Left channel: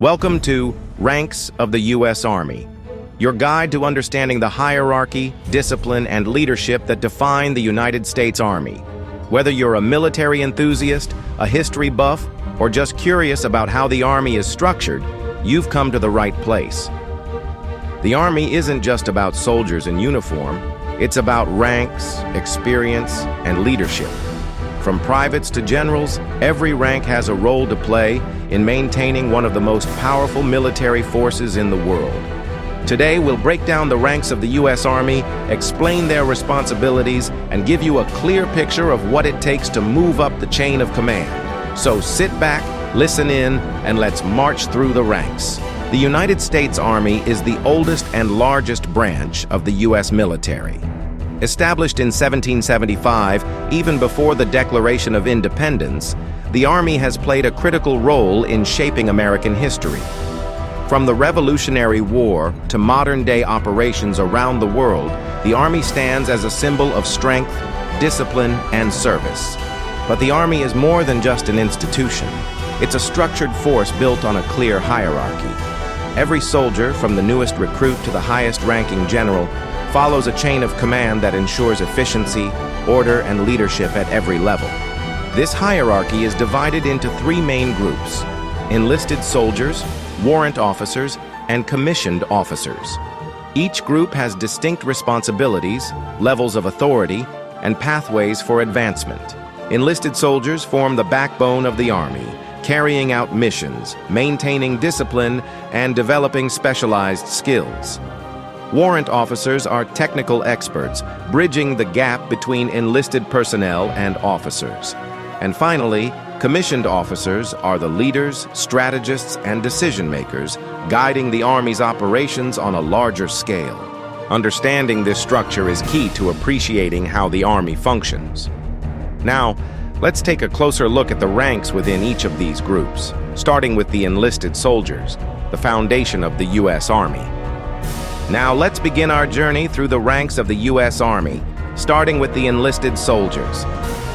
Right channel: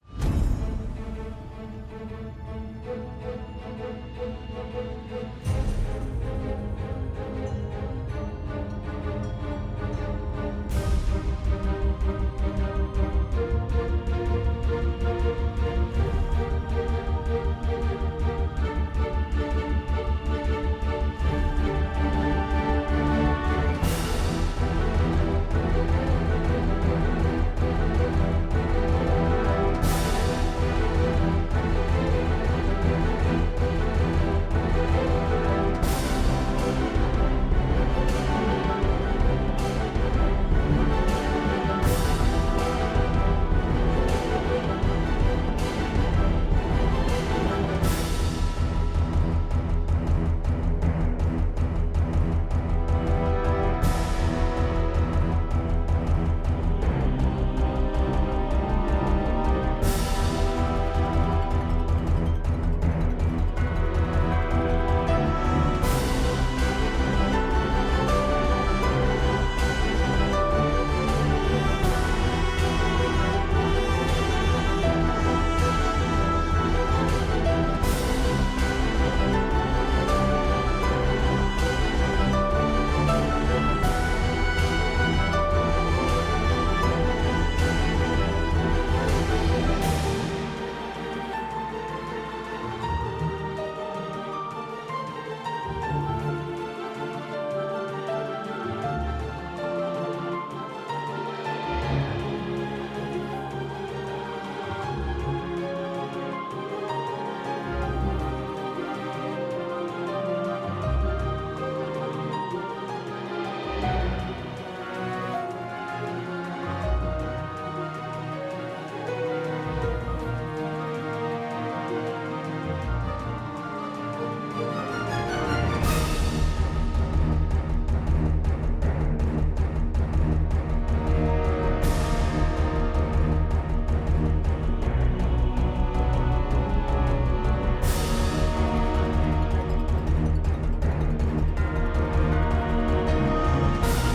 Welcome to Ranks of the U.S. Army, your guide to understanding the hierarchy, discipline, and leadership that define the United States Army. Whether you're a military enthusiast, a history buff, or just curious about how the Army is structured, you've come to the right place. The Army isn't just about soldiers in uniform, it's about ranks, experience, and leadership. From privates to generals, every rank has a role to play in maintaining one of the most powerful military forces in the world. Today, we'll break down the ranks of the U.S. Army, explain their responsibilities, and give you a clear picture of what it takes to move up the chain of command. So sit back, listen in, and let's march through the ranks. The United States Army is the oldest and largest branch of the U.S. military. Established in 1775, even before the Declaration of Independence, the Army has played a critical role in shaping American history. From the Revolutionary War to modern-day operations around the world, the Army stands as a symbol of strength, discipline, and service. But the Army is more than just an institution. It's a structured force built on a clear hierarchy. Every soldier, from the newest recruit to the highest-ranking general, follows a chain of command that ensures efficiency, order, and leadership at every level. This hierarchy is divided into three main groups: enlisted soldiers, warrant officers, and commissioned officers. Each group has distinct responsibilities, levels of authority, and pathways for advancement. Enlisted soldiers form the backbone of the Army, carrying out missions, maintaining discipline, and developing specialized skills. Warrant officers are technical experts, bridging the gap between enlisted personnel and officers. And finally, commissioned officers are the leaders, strategists, and decision-makers, guiding the Army's operations on a larger scale. Understanding this structure is key to appreciating how the Army functions. Now, let's take a closer look at the ranks within each of these groups, starting with the enlisted soldiers, the foundation of the U.S. Army. Now let's begin our journey through the ranks of the U.S. Army, starting with the enlisted soldiers.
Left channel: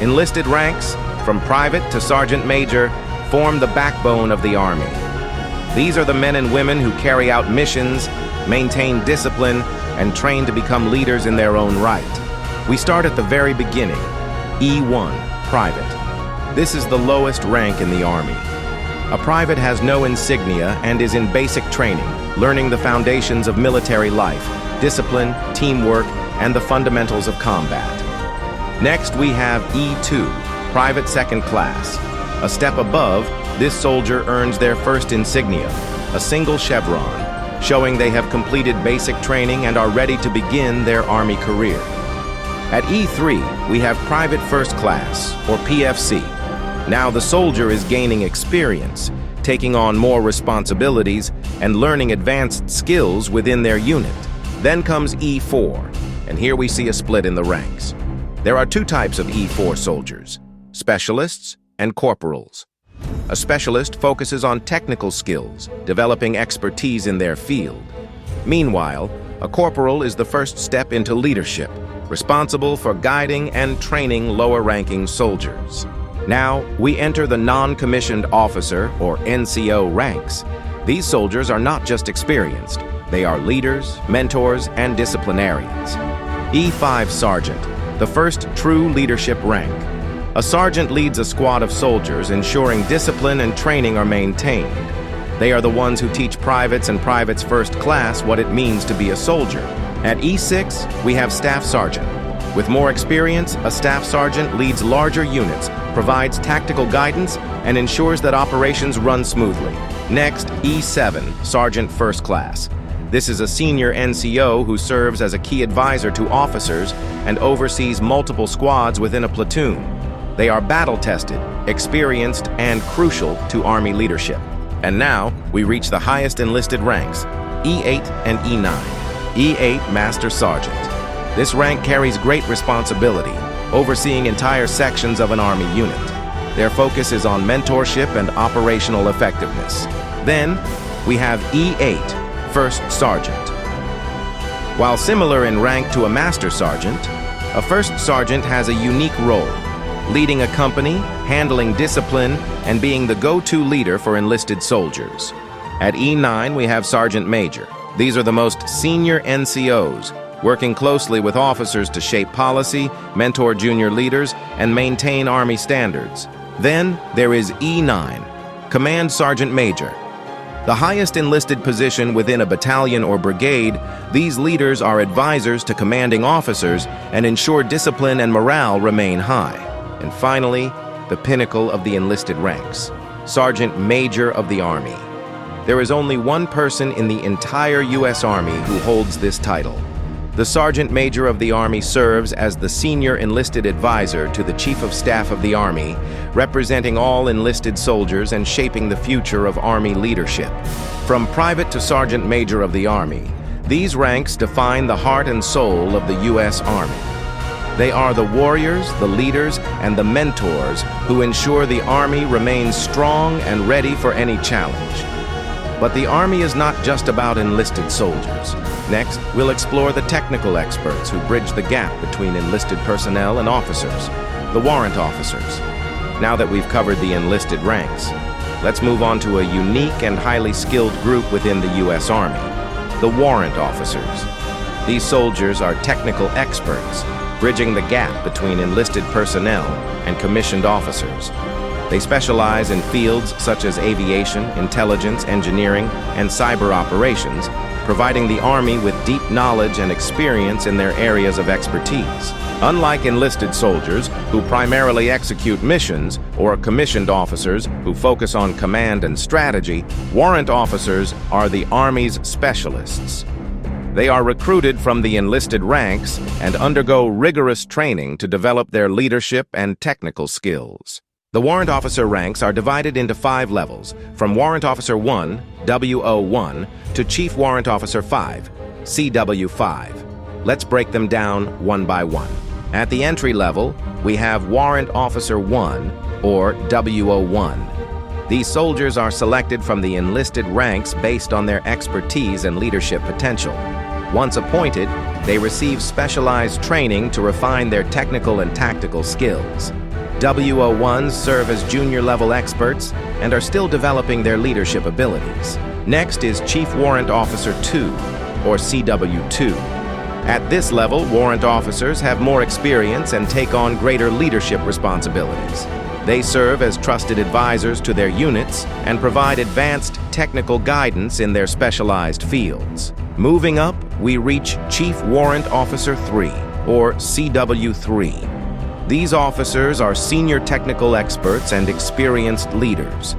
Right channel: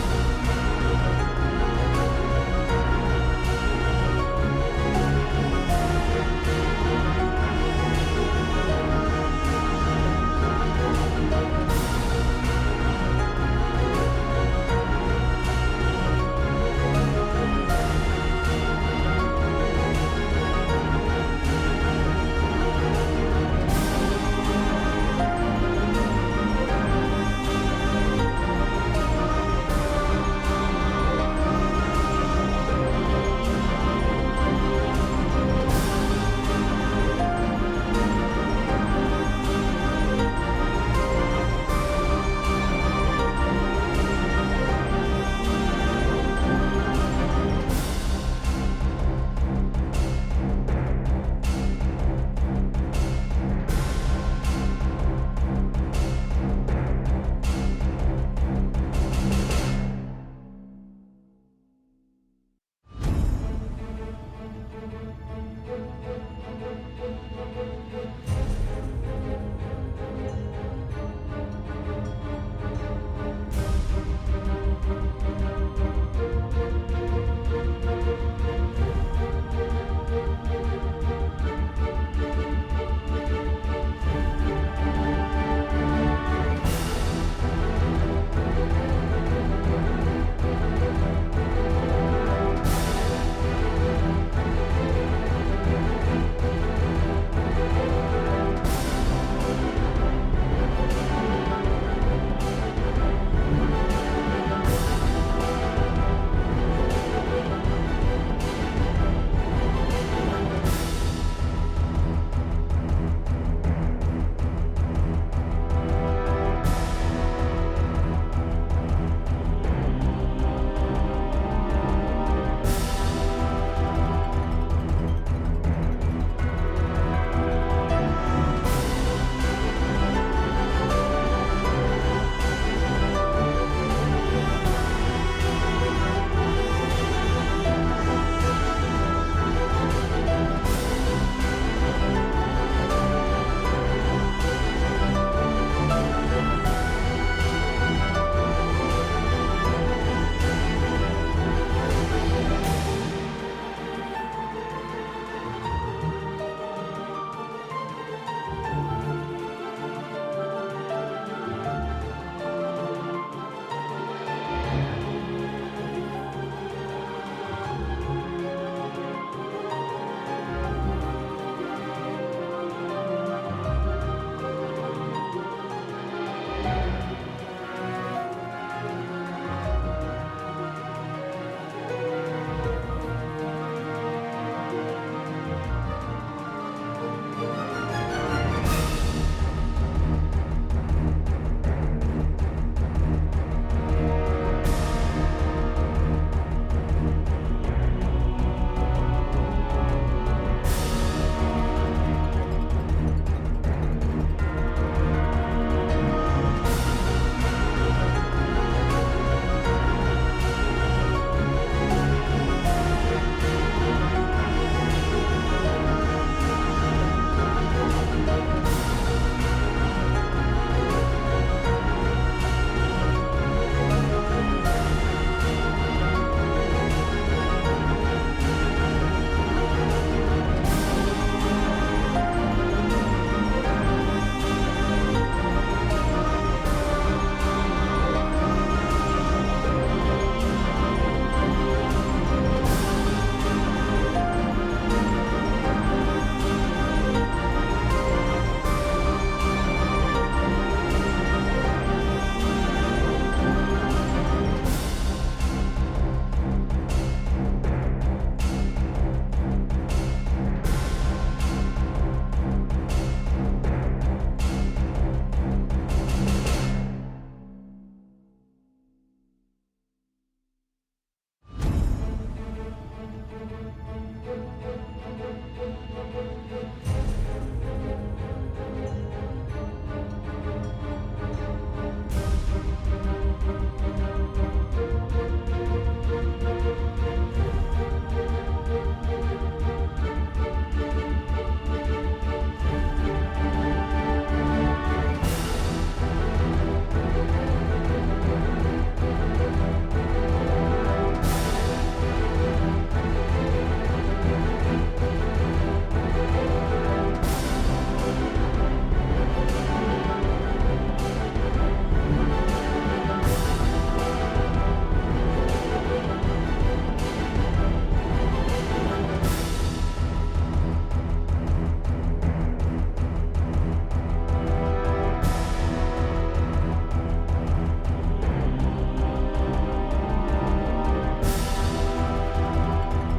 Enlisted ranks, from private to sergeant major, form the backbone of the Army. These are the men and women who carry out missions, maintain discipline, and train to become leaders in their own right. We start at the very beginning, E1, private. This is the lowest rank in the Army. A private has no insignia and is in basic training, learning the foundations of military life, discipline, teamwork, and the fundamentals of combat. Next, we have E2, Private Second Class. A step above, this soldier earns their first insignia, a single chevron, showing they have completed basic training and are ready to begin their Army career. At E3, we have Private First Class, or PFC. Now the soldier is gaining experience, taking on more responsibilities, and learning advanced skills within their unit. Then comes E4, and here we see a split in the ranks. There are two types of E4 soldiers: specialists and corporals. A specialist focuses on technical skills, developing expertise in their field. Meanwhile, a corporal is the first step into leadership, responsible for guiding and training lower-ranking soldiers. Now, we enter the non-commissioned officer, or NCO, ranks. These soldiers are not just experienced. They are leaders, mentors, and disciplinarians. E5 Sergeant, the first true leadership rank. A sergeant leads a squad of soldiers, ensuring discipline and training are maintained. They are the ones who teach privates and privates first class what it means to be a soldier. At E6, we have Staff Sergeant. With more experience, a Staff Sergeant leads larger units, provides tactical guidance, and ensures that operations run smoothly. Next, E7, Sergeant First Class. This is a senior NCO who serves as a key advisor to officers and oversees multiple squads within a platoon. They are battle-tested, experienced, and crucial to Army leadership. And now, we reach the highest enlisted ranks, E8 and E9. E8 Master Sergeant. This rank carries great responsibility, overseeing entire sections of an Army unit. Their focus is on mentorship and operational effectiveness. Then, we have E8, First Sergeant. While similar in rank to a Master Sergeant, a First Sergeant has a unique role, leading a company, handling discipline, and being the go-to leader for enlisted soldiers. At E9, we have Sergeant Major. These are the most senior NCOs, working closely with officers to shape policy, mentor junior leaders, and maintain Army standards. Then there is E9, Command Sergeant Major. The highest enlisted position within a battalion or brigade, these leaders are advisors to commanding officers and ensure discipline and morale remain high. And finally, the pinnacle of the enlisted ranks, Sergeant Major of the Army. There is only one person in the entire U.S. Army who holds this title. The Sergeant Major of the Army serves as the senior enlisted advisor to the Chief of Staff of the Army, representing all enlisted soldiers and shaping the future of Army leadership. From Private to Sergeant Major of the Army, these ranks define the heart and soul of the U.S. Army. They are the warriors, the leaders, and the mentors who ensure the Army remains strong and ready for any challenge. But the Army is not just about enlisted soldiers. Next, we'll explore the technical experts who bridge the gap between enlisted personnel and officers, the warrant officers. Now that we've covered the enlisted ranks, let's move on to a unique and highly skilled group within the U.S. Army, the warrant officers. These soldiers are technical experts, bridging the gap between enlisted personnel and commissioned officers. They specialize in fields such as aviation, intelligence, engineering, and cyber operations, providing the Army with deep knowledge and experience in their areas of expertise. Unlike enlisted soldiers, who primarily execute missions, or commissioned officers who focus on command and strategy, warrant officers are the Army's specialists. They are recruited from the enlisted ranks and undergo rigorous training to develop their leadership and technical skills. The Warrant Officer ranks are divided into 5 levels, from Warrant Officer 1, WO1, to Chief Warrant Officer 5, CW5. Let's break them down one by one. At the entry level, we have Warrant Officer 1, or WO1. These soldiers are selected from the enlisted ranks based on their expertise and leadership potential. Once appointed, they receive specialized training to refine their technical and tactical skills. WO1s serve as junior-level experts and are still developing their leadership abilities. Next is Chief Warrant Officer 2, or CW2. At this level, warrant officers have more experience and take on greater leadership responsibilities. They serve as trusted advisors to their units and provide advanced technical guidance in their specialized fields. Moving up, we reach Chief Warrant Officer 3, or CW3. These officers are senior technical experts and experienced leaders.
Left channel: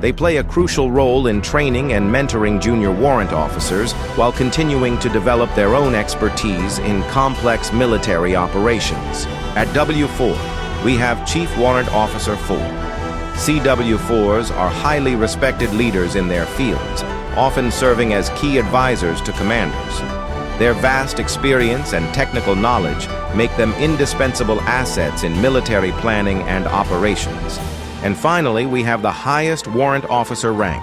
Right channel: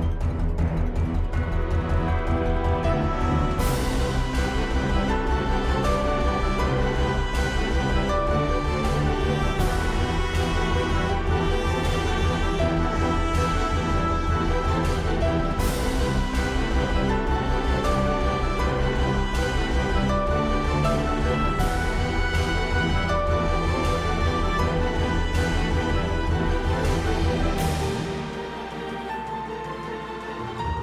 They play a crucial role in training and mentoring junior warrant officers while continuing to develop their own expertise in complex military operations. At W4, we have Chief Warrant Officer 4. CW4s are highly respected leaders in their fields, often serving as key advisors to commanders. Their vast experience and technical knowledge make them indispensable assets in military planning and operations. And finally, we have the highest warrant officer rank,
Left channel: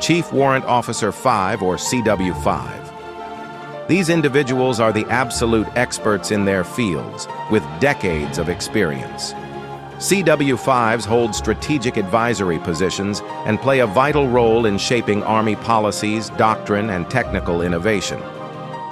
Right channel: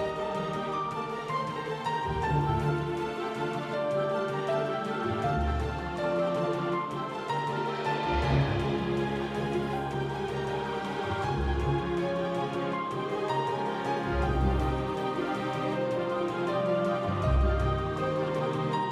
Chief Warrant Officer 5, or CW5. These individuals are the absolute experts in their fields, with decades of experience. CW5s hold strategic advisory positions and play a vital role in shaping Army policies, doctrine, and technical innovation.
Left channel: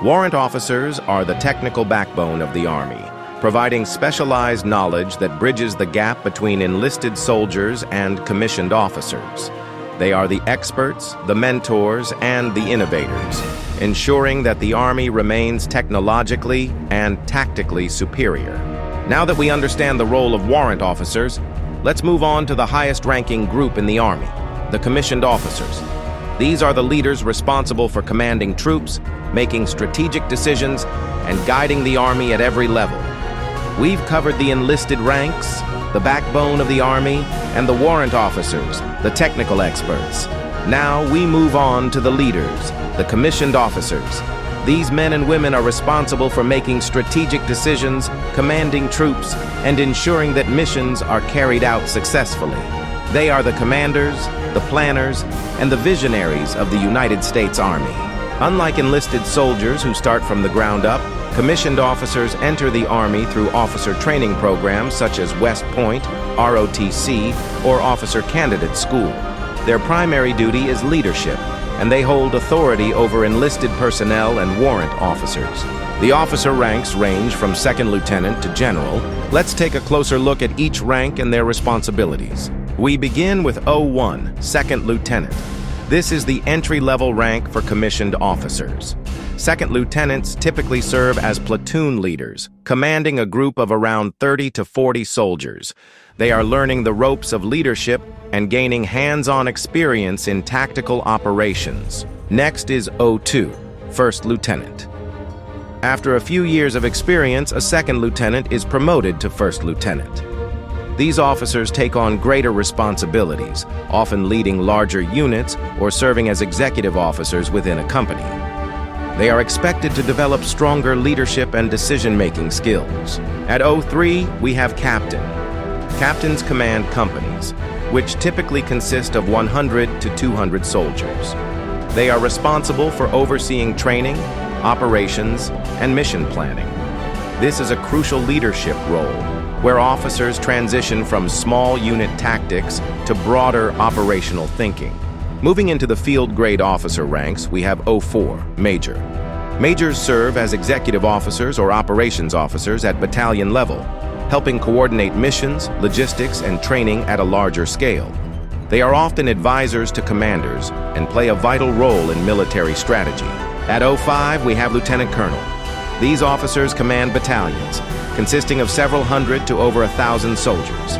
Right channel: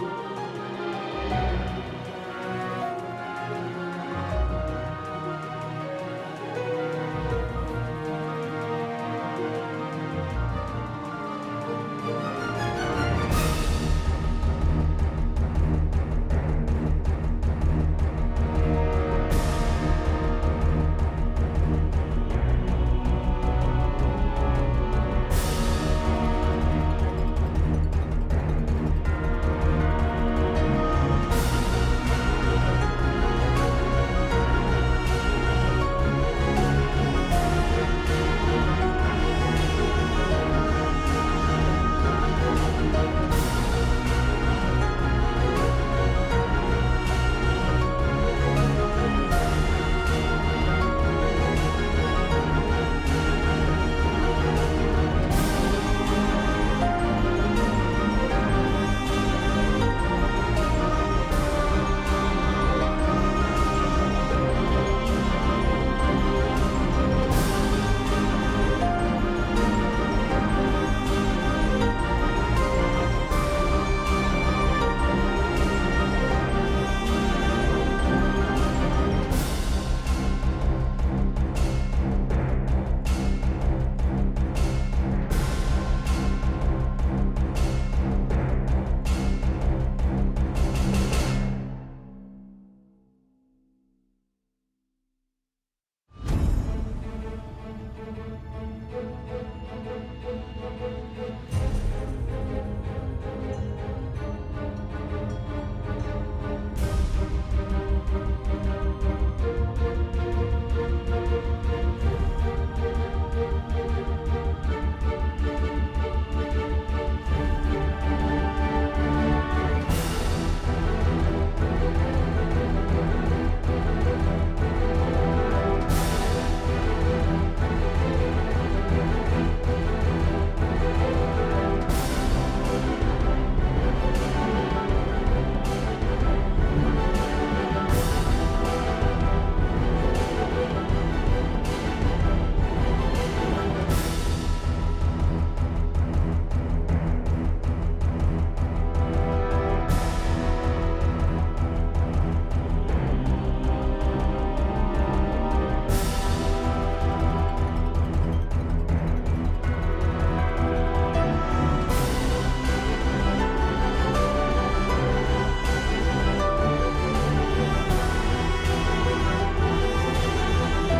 Warrant officers are the technical backbone of the Army, providing specialized knowledge that bridges the gap between enlisted soldiers and commissioned officers. They are the experts, the mentors, and the innovators, ensuring that the Army remains technologically and tactically superior. Now that we understand the role of warrant officers, let's move on to the highest-ranking group in the Army, the commissioned officers. These are the leaders responsible for commanding troops, making strategic decisions, and guiding the Army at every level. We've covered the enlisted ranks, the backbone of the Army, and the warrant officers, the technical experts. Now we move on to the leaders, the commissioned officers. These men and women are responsible for making strategic decisions, commanding troops, and ensuring that missions are carried out successfully. They are the commanders, the planners, and the visionaries of the United States Army. Unlike enlisted soldiers who start from the ground up, commissioned officers enter the Army through officer training programs such as West Point, ROTC, or Officer Candidate School. Their primary duty is leadership, and they hold authority over enlisted personnel and warrant officers. The officer ranks range from second lieutenant to general. Let's take a closer look at each rank and their responsibilities. We begin with 01, second lieutenant. This is the entry-level rank for commissioned officers. Second lieutenants typically serve as platoon leaders, commanding a group of around 30 to 40 soldiers. They are learning the ropes of leadership and gaining hands-on experience in tactical operations. Next is 02, first lieutenant. After a few years of experience, a second lieutenant is promoted to first lieutenant. These officers take on greater responsibilities, often leading larger units or serving as executive officers within a company. They are expected to develop stronger leadership and decision-making skills. At 03, we have captain. Captains command companies, which typically consist of 100 to 200 soldiers. They are responsible for overseeing training, operations, and mission planning. This is a crucial leadership role, where officers transition from small unit tactics to broader operational thinking. Moving into the field grade officer ranks, we have 04, Major. Majors serve as executive officers or operations officers at battalion level, helping coordinate missions, logistics, and training at a larger scale. They are often advisors to commanders and play a vital role in military strategy. At 05, we have Lieutenant Colonel. These officers command battalions, consisting of several hundred to over 1,000 soldiers.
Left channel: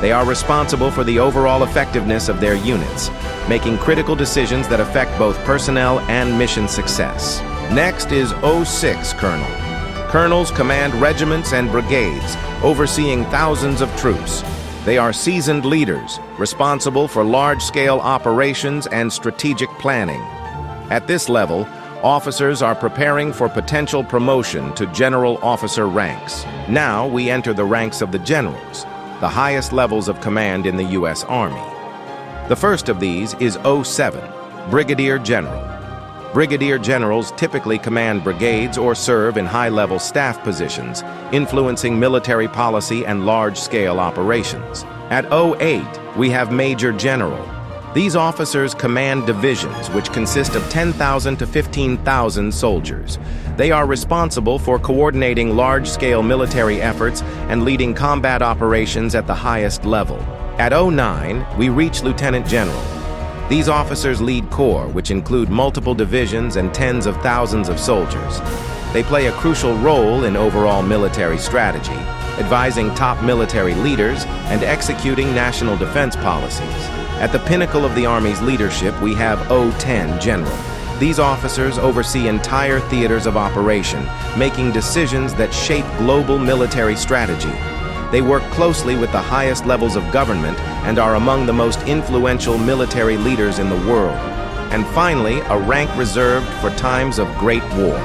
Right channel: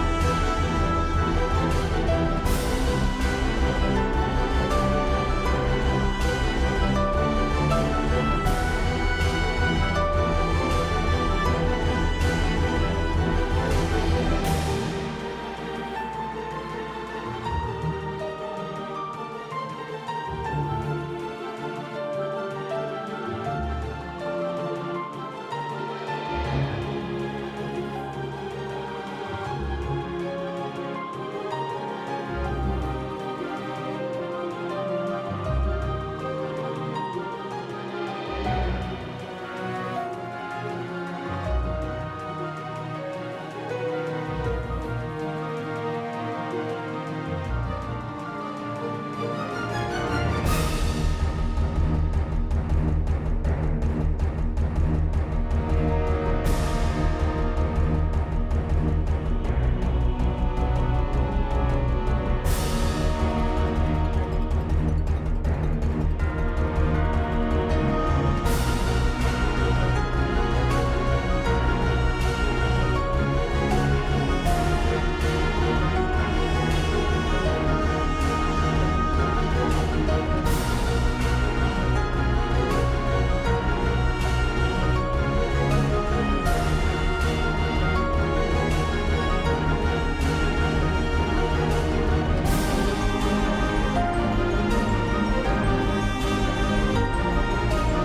They are responsible for the overall effectiveness of their units, making critical decisions that affect both personnel and mission success. Next is 06 Colonel. Colonels command regiments and brigades, overseeing thousands of troops. They are seasoned leaders, responsible for large-scale operations and strategic planning. At this level, officers are preparing for potential promotion to general officer ranks. Now we enter the ranks of the generals, the highest levels of command in the U.S. Army. The first of these is 07, Brigadier General. Brigadier generals typically command brigades or serve in high-level staff positions, influencing military policy and large-scale operations. At 08, we have Major General. These officers command divisions which consist of 10,000 to 15,000 soldiers. They are responsible for coordinating large-scale military efforts and leading combat operations at the highest level. At 09, we reach Lieutenant General. These officers lead corps, which include multiple divisions and tens of thousands of soldiers. They play a crucial role in overall military strategy, advising top military leaders and executing national defense policies. At the pinnacle of the Army's leadership, we have 010 General. These officers oversee entire theaters of operation, making decisions that shape global military strategy. They work closely with the highest levels of government and are among the most influential military leaders in the world. And finally, a rank reserved for times of great war,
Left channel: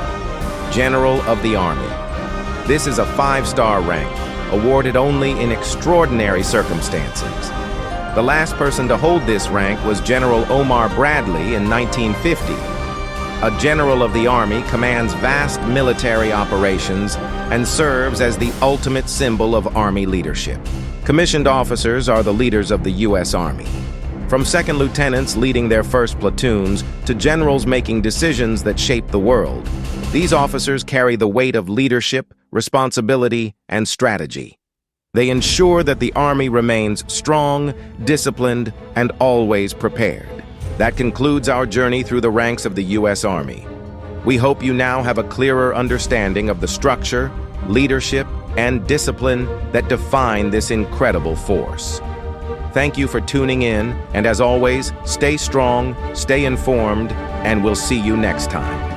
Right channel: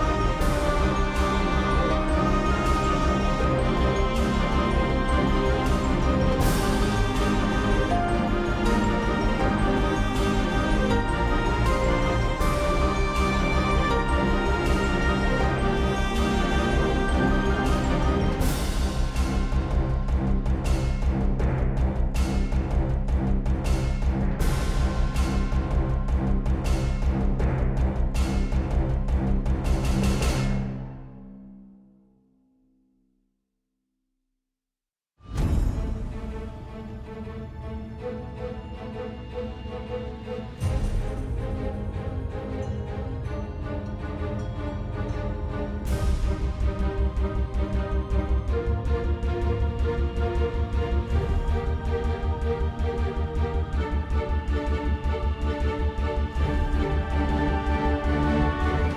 General of the Army. This is a 5-star rank, awarded only in extraordinary circumstances. The last person to hold this rank was General Omar Bradley in 1950. A general of the Army commands vast military operations and serves as the ultimate symbol of Army leadership. Commissioned officers are the leaders of the U.S. Army. From second lieutenants leading their first platoons to generals making decisions that shape the world, these officers carry the weight of leadership, responsibility, and strategy. They ensure that the Army remains strong, disciplined, and always prepared. That concludes our journey through the ranks of the U.S. Army. We hope you now have a clearer understanding of the structure, leadership, and discipline that define this incredible force. Thank you for tuning in, and as always, stay strong, stay informed, and we'll see you next time.